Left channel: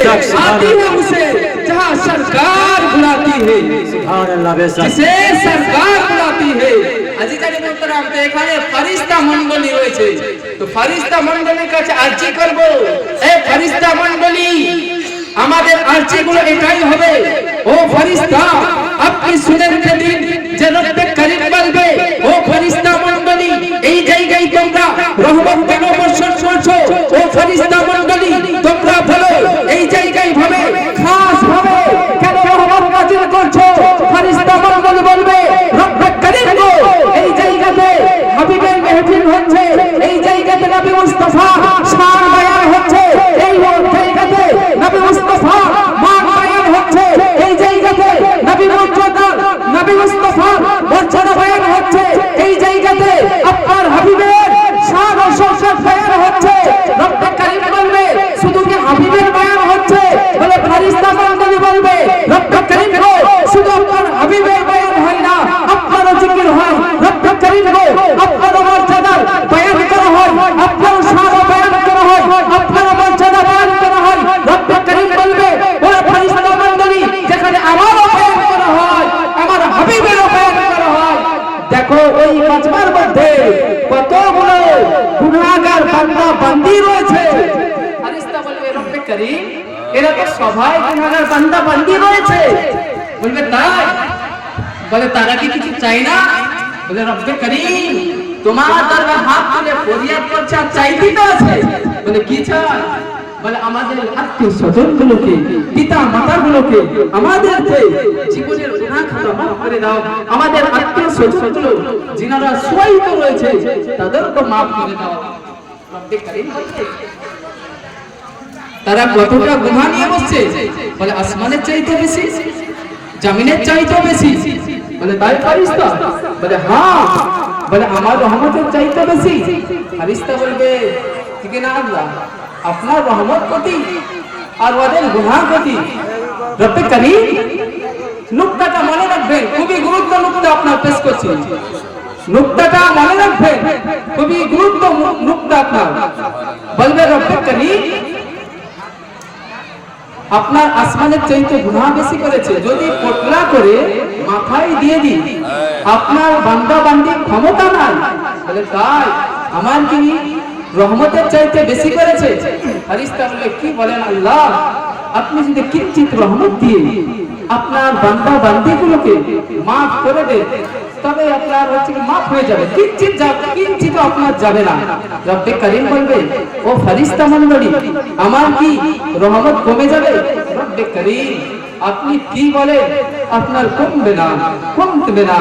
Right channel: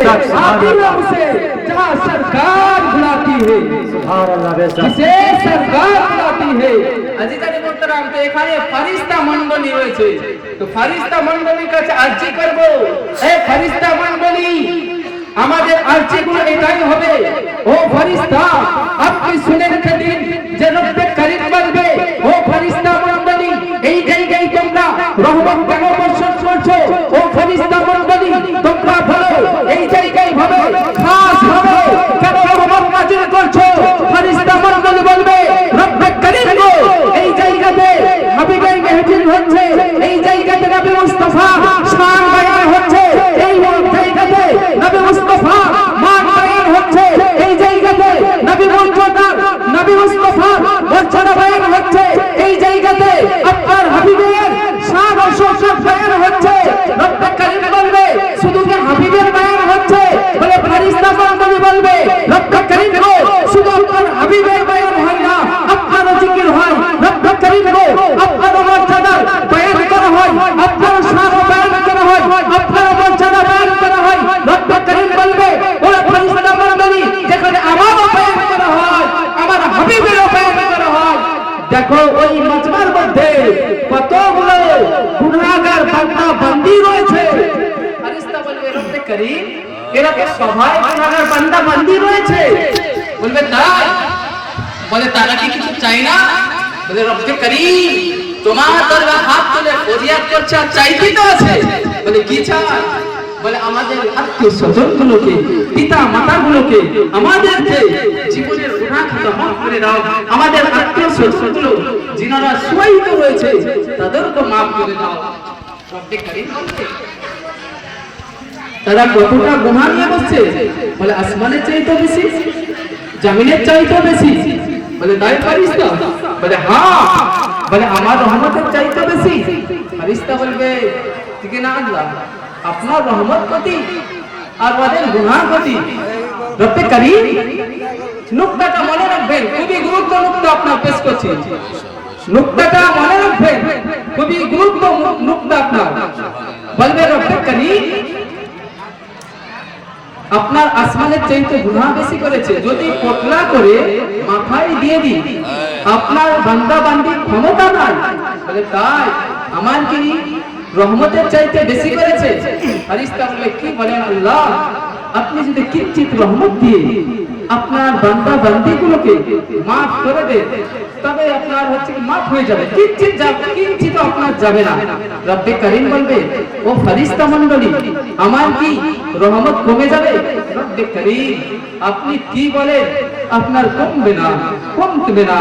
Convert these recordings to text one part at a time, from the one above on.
आती है उसे जहाँ सरकार बुलाती है, जिसे सरकार बुलाती है। আজিজানে মোহতারাম, তো এখানে ফেরেশতা মণ্ডলী রয়েছে, তো ফেরেশতা মণ্ডলীর কাছে আরজি করব, এই ফেরেশতা মণ্ডলী আমাদের আরজিগুলো এটাই হবে, ও ফেরেশতা আপনি শুনে রেখে দিন যে রব্বে করিম বলবে, ও ফেরেশতা মণ্ডলী এই জায়গায় তোমরা রহমত কেন বর্ষণ করছো, ও ফেরেশতা মণ্ডলী তোমরা বলো এই জায়গায় ভাবে খাস ভাবে কেন রহমত নাজিল করছো। ফেরেশতা মণ্ডলী বলবে রব্বে করিম গো এই জায়গাতে হাবিবের মেহফিল হচ্ছে, এই জায়গাতে নবী মুস্তাফা শান বায়ান হচ্ছে, এই জায়গাতে নবী মুস্তাফা মান বায়ান হচ্ছে, এই জায়গাতে নবী মুস্তাফা মর্যাদা বায়ান হচ্ছে, এই জায়গাতে আপনার হাবিবের শান ও শৌকত বায়ান হচ্ছে। রব্বে করিম বলবে শুধু কি হাবিবের বায়ান হচ্ছে, বলে ফেরেশতা মণ্ডলী বলবে রব্বে করিম গো শুধু আপনার হাবিবের বায়ান হয় না, আপনারও জিকির হয়। রব্বে করিম গো আপনারও মর্যাদার বায়ান করা হয়, আপনারও শান বায়ান করা হয়, আপনারও মর্যাদা বায়ান করা হয়। রব্বে করিম বলবে ও ফেরেশতা মণ্ডলী যেখানে আমারও বায়ান করা হয়, আমার হাবিবেরও বায়ান করা হয়। দেখো ওই মাজমার মধ্যে কতগুলো গুনাহগার বান্দা বান্দি রয়েছে। ফেরেশতা বলবে রব্বে করিম এরা তো সবাই গুনাহগার বান্দা বান্দি রয়েছে। বলবে তাই? বলে তারা কি কিছু চাই না? বলে রব্বে করিম তোমার দরবারে হাত তুলে ফরিয়াদ করছে আর চাইতেই তো আছে। বলে কি চাই? বলে আমাদের আত্মীয় স্বজনগুলোকে, পিতা মাতাগুলোকে, আমাদেরকে জীবনের গুনাহ খাতা মাফ করে দাও, আমাদের আত্মীয় স্বজনগুলো যিনারা শহীদ রয়েছে তাদেরকে মাফ করে দাও। রব্বে করিম তারা কতটা গুনাহ নিয়ে বসছে? বলে আসমানের চাইতে বেশি, জমিনের চাইতে বেশি। বলে তাই ফেরেশতা? বলে হ্যাঁ। বলে আমার রহমতের চাইতে বেশি? ফেরেশতা বলবে ঠিক না আল্লাহ, আপনার রহমত কতি আর ওদের গুনাহ কতি। রব্বে করিম নুকতাটা মনে রাখবেন, খুবই গুরুত্ব নুকতা আপনার পেশ করছি, নুকতাটা মনে রাখবেন, খুবই গুরুত্ব নুকতা আপনার। বলবে রব্বে করিম আপনার আসমানের চাইতে গুনাহ বেশি করেছে, যদি পটলা করে মাথায় দিয়ে দিই আপনার বান্দা বান্দির ক্ষমতা নাই। বলে তাই? আমার কি রহমতের চাইতে বেশি করেছে? ফেরেশতা বলে কি বলেন আল্লাহ, আপনি যদি কিঞ্চিত রহমত দিয়ে আপনার বান্দা বান্দিগুলোকে মাফ করে দেন তবে আপনার হচ্ছে কি মাফ হয়ে যাবে, কিঞ্চিত আপনার যাবে না। রব্বে করিম বলবে ও ফেরেশতা মণ্ডলী আমার কি রহমত কমে যাবে? রব্বে করিম আপনি কি বলে আপনার কমবে না, কমবে না।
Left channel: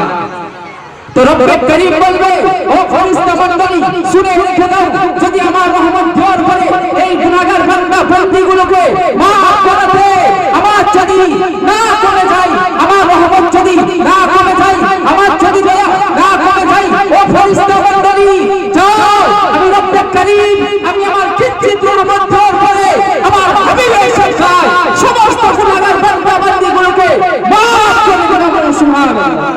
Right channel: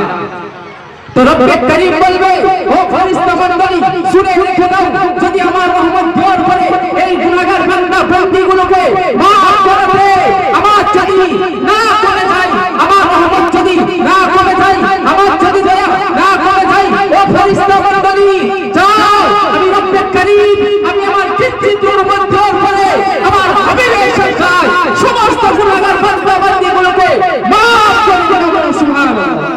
তো রব্বে করিম বলবে ও ফেরেশতা মণ্ডলী শুনে রেখে দাও, যদি আমার রহমত জোর করে এই গুনাহগার বান্দা বান্দীগুলোকে মাফ করে দে, আমার যদি না কমে যায়, আমার রহমত যদি না কমে যায়, আমার যদি দয়া না কমে যায়, ও ফেরেশতা মণ্ডলী যাও, আমি রব্বে করিম আমি আমার কিঞ্চিত রহমত জোর করে আমার হাবিবের সরকার সমস্ত গুনাহগার বান্দা বান্দীগুলোকে মাফ করে দেব। সুবহানাল্লাহ।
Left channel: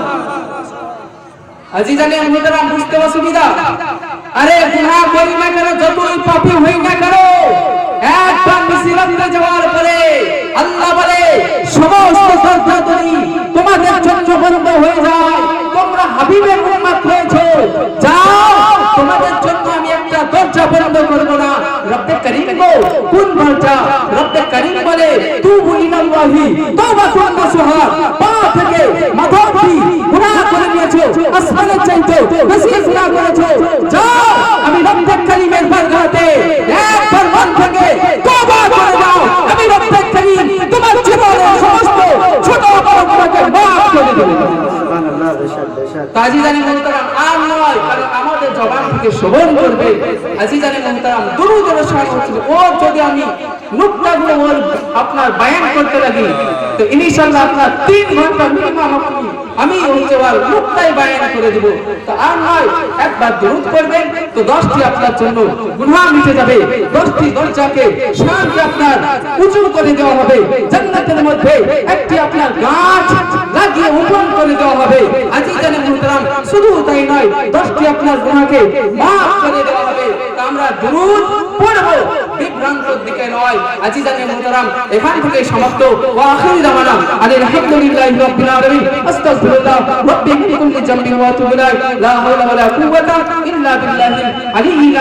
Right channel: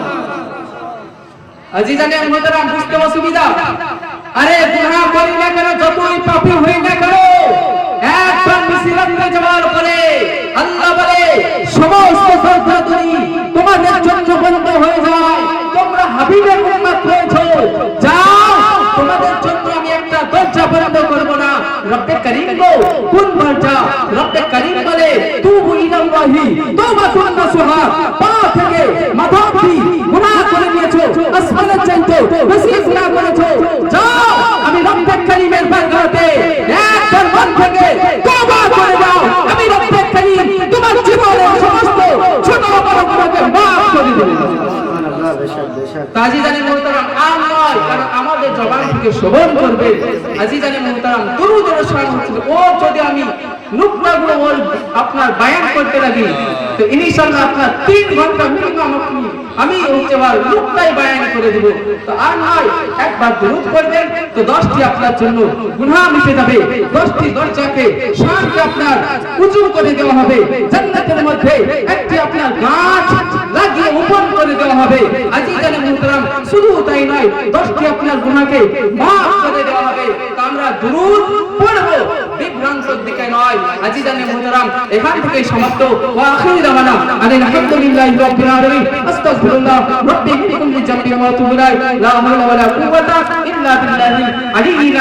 আজিজানে মুহতারাম বুঝতে অসুবিধা? আরে গুনাহ করি না কেন, যতই পাপী হই না কেন, একবার মিসরাতে যাওয়ার পরে আল্লাহ বলে সমস্ত দরজাগুলি তোমাদের জন্য বন্ধ হয়ে যায়, তোমরা হাবিবের উম্মত হয়েছো, যাও তোমাদের জন্য আমি একটা দরজা বন্ধ করব না। রব্বে করিম গো কোন দরজা? রব্বে করিম বলে তুবু ইলাল্লাহি তাওবাতুন নাসুহা, পা থেকে মাথা অবধি গুনাহ করে নিয়েছো, আসমানের চাইতে বেশি গুনাহ করেছো, যাও আমি রব্বে করিমের বারগাহতে একবার মন থেকে তওবা করে দাও, আমি রব্বে করিম তোমার জীবনের সমস্ত ছোট বড় গুনাহকে মাফ করে দেব। আজিজানে মুহতারাম আর নয়, কারণ আমাদের জবান থেকে শ্রবণ করবে। আজিজানে মুহতারাম দুরূদের শোনা হচ্ছে, ও যদি আমি নুকতাগুলো ওর আপনার বায়ান করতে লাগি তো ইনশাআল্লাহ আপনার 3 ঘন্টা মিনিমাম আমি হচ্ছে ওর নুকতাই বায়ান করে দেব। তো আর নয়, একবার দুরূদ করবেন তো 10টি আপনার জন্য গুনাহ মিটে যাবে, 10টি দরজাকে শানকে আপনার উঁচু করে দেওয়া হবে। জান্নাতের মধ্যে একটি আপনার গাছ লাগিয়ে উপন করে দেওয়া হবে। আজিজানে মুহতারাম, শুধু তাই নয়, 10টি আপনার গুনাহকে maaf করে দেওয়া হবে। তো আমরা দুরূদ পড়ব, বিভ্রান্তর দিকে নয়। আজিজানে মুহতারাম, এখান থেকে সমাপ্ত। ওয়া আখির দাওয়ানা আলহামদুলিল্লাহি রাব্বিল আলামিন। আস্তাগফিরুল্লাহ রাব্বি মিন কুল্লি জামবিন ওয়া আতুবু ইলাইহি। লা হাওলা ওয়া লা কুওয়াতা ইল্লা বিল্লাহিল আলিয়্যিল